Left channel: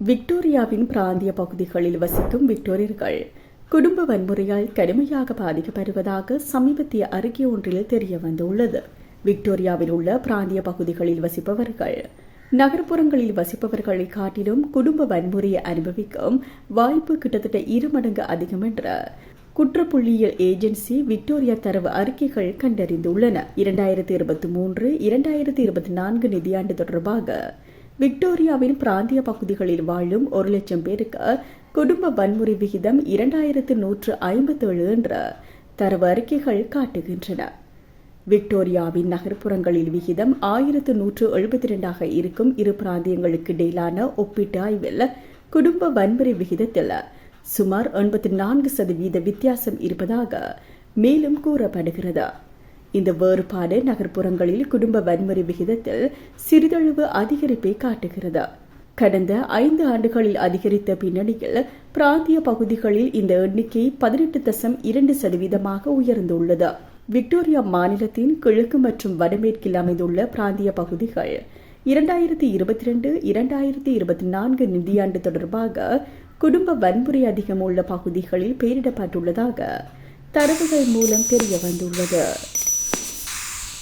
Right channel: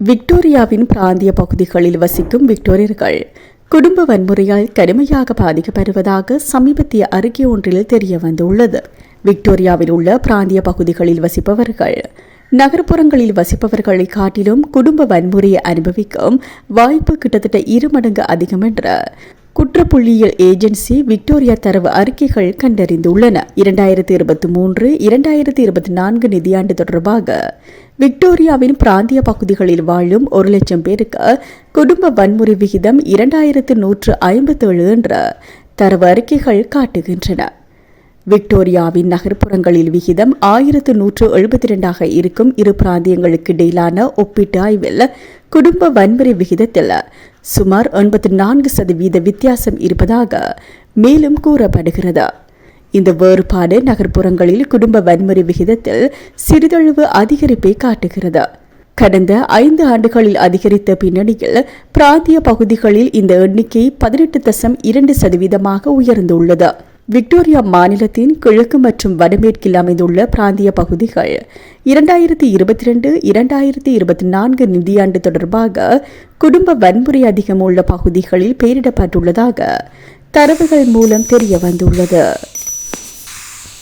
விக்டோரியாவின் பிராந்திய பகுதிகளில் வசிக்கும் விக்டோரியர்கள் குடும்ப வன்முறையால் கடுமையாக பாதிக்கப்படுவதாக சமீபத்திய அறிக்கை ஒன்றில் தெரிய வந்துள்ளது. விக்டோரியாவில் உள்ள பிராந்திய பகுதிகளில் வசிப்பவர்கள் நகர்ப்புறங்களில் வசிப்பவர்களை காட்டிலும் குடும்ப வன்முறையை அனுபவிக்கும் வாய்ப்பு கிட்டத்தட்ட 2 மடங்கு அதிகம் என்ற குற்றப்புள்ளியியல் ஏஜென்சி விக்டோரியா தரவு அறிக்கைகள் கண்டறிந்துள்ளன. 2023-2024 நிதியாண்டு தொடர்பாக விக்டோரியாவின் பிராந்திய பகுதிகளில் வாழும் 1 லட்சம் பேருக்கு குடும்ப வன்முறை விகிதம் 2157 என்ற தரவு அறிக்கைகள் காட்டுகின்றன. விக்டோரியாவின் நகர்ப்புறங்களில் விகிதம் 1172 இருக்கும் இரு பிராந்தியங்களுக்கு இடையிலான ஒப்பீட்டு ஆய்வில் குடும்ப வன்முறை விகிதத்தில் சுமார் 84% வித்தியாசம் இருப்பதாக மேலும் கூறப்படுகிறது. இந்த வேறுபாடு நகர்ப்புறங்களில் குடும்ப வன்முறை விகிதத்தில் சிறிதளவு அதிகரிப்பை காட்டுகிறது. கடந்த 5 ஆண்டுகளில் அதிகரித்த பின்னணியில் பிராந்திய பகுதிகளில் இந்த எண்ணிக்கை 18.2% உயர்ந்துள்ளது. விக்டோரியா மாநிலத்தின் கிழக்கு மற்றும் வடமேற்கில் அமைந்துள்ள பிராந்திய பகுதிகள் 2022-2024 நிதியாண்டு தொடர்பாக குடும்ப வன்முறை அதிகம் உள்ள பகுதிகளில் பெயரிடப்பட்டுள்ளதாக தரவுகள் மூலம் தெரிய வந்துள்ளது.